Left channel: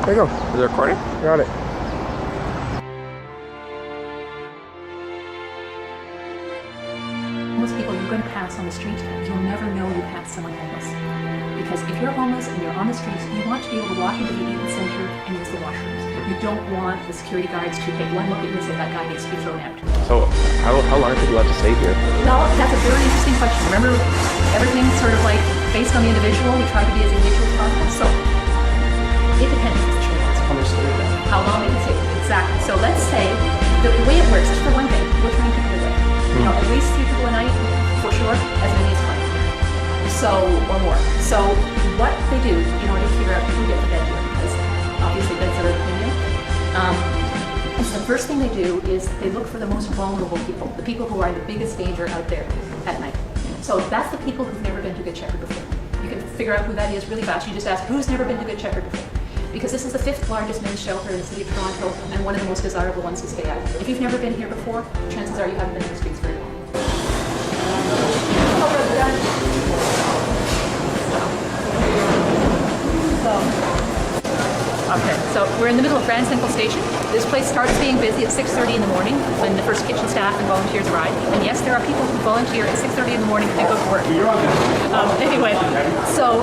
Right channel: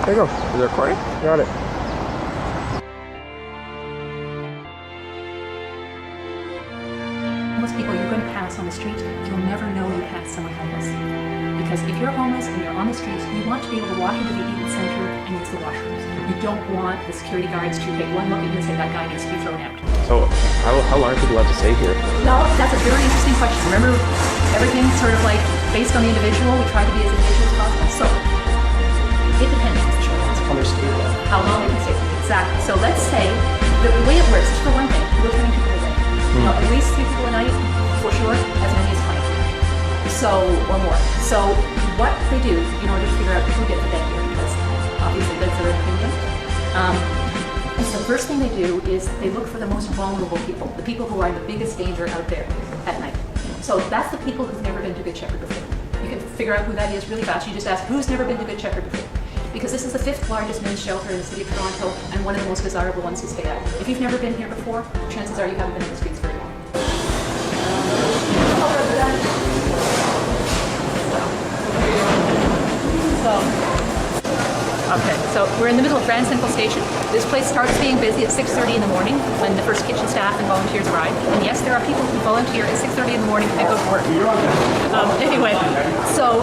There you go. Is it recording? Got it. Most people you're going to pass on the street, you'll never know you passed someone homeless. Because if you're homeless and you're on the street, you want to be able to walk into the Eaton Center and use the washrooms. You don't want the security guards to take one look at you and say that guy needs to be thrown out. So how long are people allowed to stay here? Well, that's a very interesting question. Remember, everything's sort of like based on the individual. We try to be as individual as possible. So it depends on the situation. Understood. How long they can stay. Exactly. So let's say the way it works, just for one thing, we're turning people away. You know, at least 3 people a night, for sure, as many as fine. So, or more. So what they do in order to figure out who gets the bed here, because obviously beds are opinion, is the first thing they do is they look for the most vulnerable people, the people who are in the biggest danger out there at night. So that's the people who've never been to Good Shepherd before. You can figure out who that is really fast. You just ask, who's never been to Good Shepherd before? Because this is the 5th largest men's shelter in the city of Toronto and one of the most desirable ones to stay at. If you've never been here before, chances are you haven't been to the streets very long. Okay, so we're in the middle of Grand Central Station. This place starts being busy at 6:30 in the morning when the first kitchen staff and volunteers arrive. And yes, there are people who volunteer at 6:30 in the morning and go to work. Anyway, so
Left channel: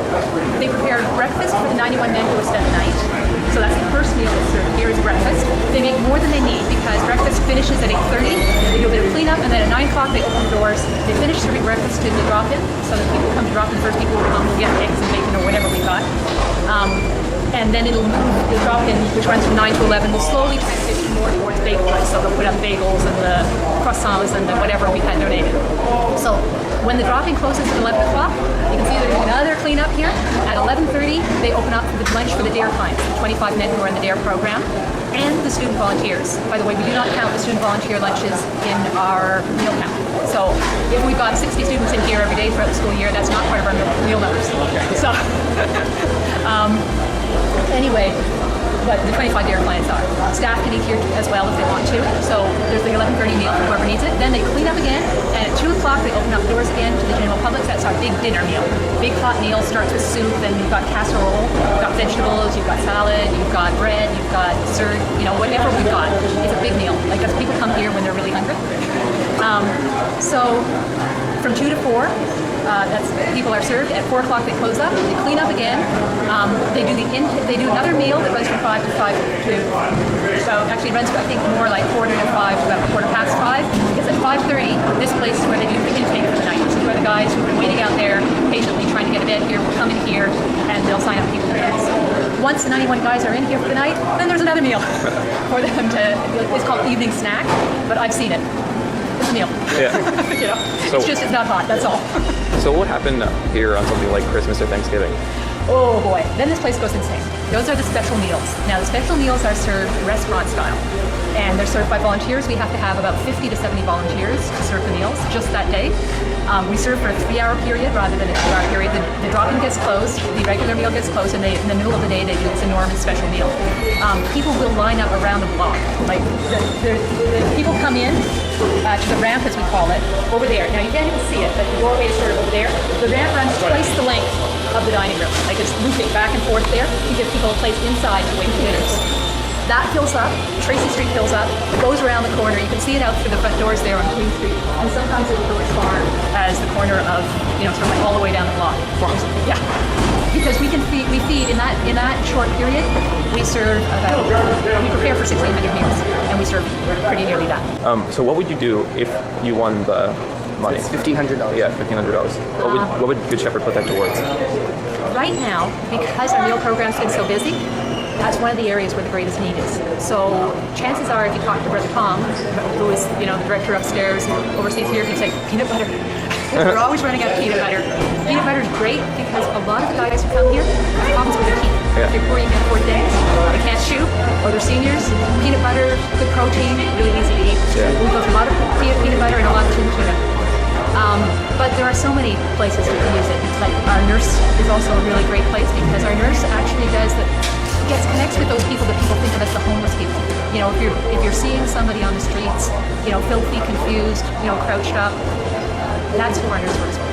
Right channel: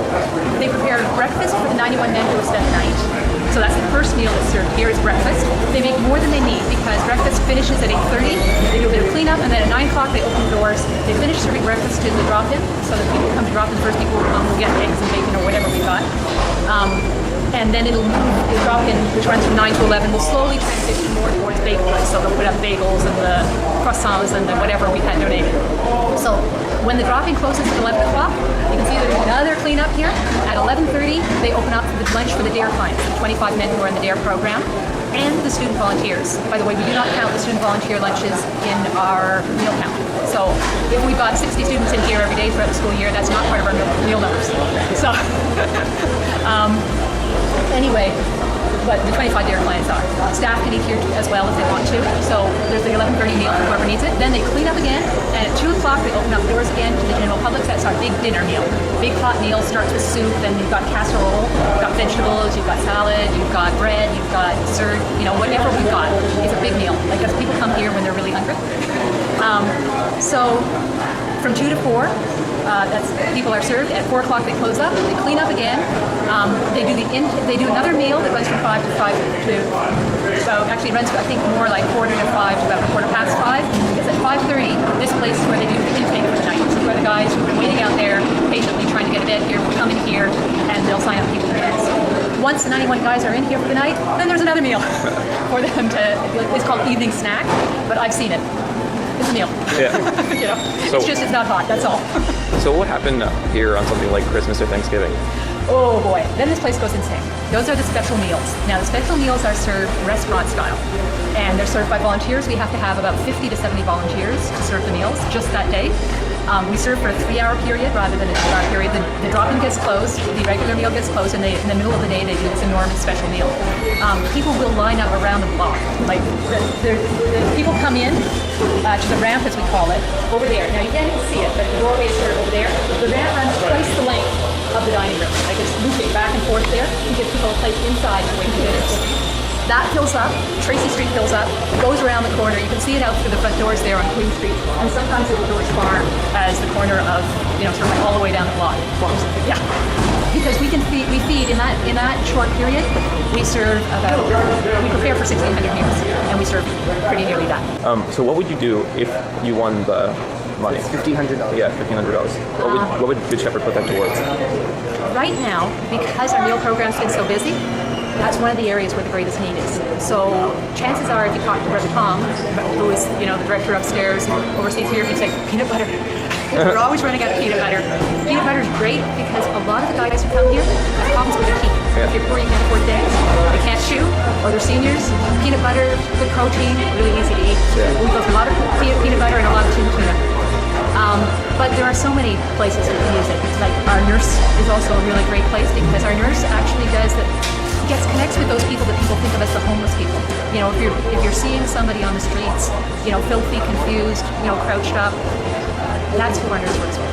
they prepare breakfast for the 91 men who are staying at night. So that's the first meal that's served here is breakfast. They make more than they need because breakfast finishes at 8:30. They do a bit of cleanup and then at 9 o'clock they open the doors. They finish serving breakfast to the drop-in. So the people who come to drop in first, people will come and get eggs and bacon or whatever we got. And then it'll move, the drop-in, which runs from 9 to 11, will slowly transition more towards bagel. So they'll put up bagels and the croissants and the whatever we had donated. So when the drop-in closes at 11 o'clock, you can see there's another cleanup here. At 11:30, they open up for the lunch for the DARE clients, the 25 men who are in the DARE program, and the student volunteers. By the way, we do not count the student volunteer lunches in our meal count. So if we've got 60 students in here every day throughout the school year, that's not part of our meal numbers. So, anyway, but the 25 DARE clients are. Staff can eat here as well if they want to. So there's the 11:30 meal for whoever needs it. Then they clean up again, and at 2 o'clock they open up the doors again to the general public. That's our big dinner meal. Big hot meal starts with soup, then you've got casserole, you've got vegetables, you've got salad, you've got bread, you've got dessert, you know, whatever we've got. It's a big meal. Like if people come here when they're really hungry. So from 2 to 4, that's people are served. At 4 o'clock they close up. They clean up again. They do another meal that runs from 5 to 5 to actually runs I think more like 4 to 5 to about 5:15. Because at 5:30 this place is where they do the intake for the night. This is where the guys who've been waiting out there patiently trying to get a bed here will come in here and they'll sign up people for beds. Once the 91 guys are in here for the night, then there's another meal for them to. It's called evening snack, but I've seen it. It's a meal. Yeah. You know, it's not hot. That's all. So what happened here on something like Christmas or Thanksgiving? Oh boy, then this place goes insane. Those are the special meals. Now the special meals are served restaurant style, and they're served by volunteers. We have to have about 50 to 70 volunteers to serve the meals just that day. We serve for a 3-hour period rather than a 2-hour period. The drop-in gets closed, the regular meal gets closed, and in the middle of the day they do this enormous special meal. People will line up around the block. Like the people come in to the ramp, as we call it, over there. Now you can't even see it, but the doorway is sort of over there. The ramp runs twice the length of the dining room. Like it's looping back and forth there to give people a place inside to wait for dinners. That fills up, Tracy Street fills up, goes around the corner. You can see it out through the front doors there on Queen Street. And sometimes it will go as far as the corner of, sort of like all the way down the block. Yeah. Because we feed in that short period, we prepare for 1,600 meals, and we serve pretty nearly that. So what would you do if you won the money? It's $1,500. Yeah, $1,500. What would Good Shepherd put that towards? Right now, because our meal program's been so busy, that's one of the areas where the greatest need is. So chances are, if you talk to Brother Tom, who is the director upstairs, who oversees here, he'd say peanut butter. We're always running out of peanut butter. Peanut butter is great because a lot of the guys who come here have problems with their teeth. Yeah. If you're poor, you can't afford things, they can't chew, or they're seniors. Peanut butter, good protein, really easy to eat. Yeah. We go with a lot of peanut butter and a lot of tin tuna. But there are so many places we can use it. Like our nurse is also a really great place because our nurse actually connects with those people that people think of as the homeless people. You know, if you're seeing somebody on the streets, filthy, confused, crouched up, that's who our nurse works with.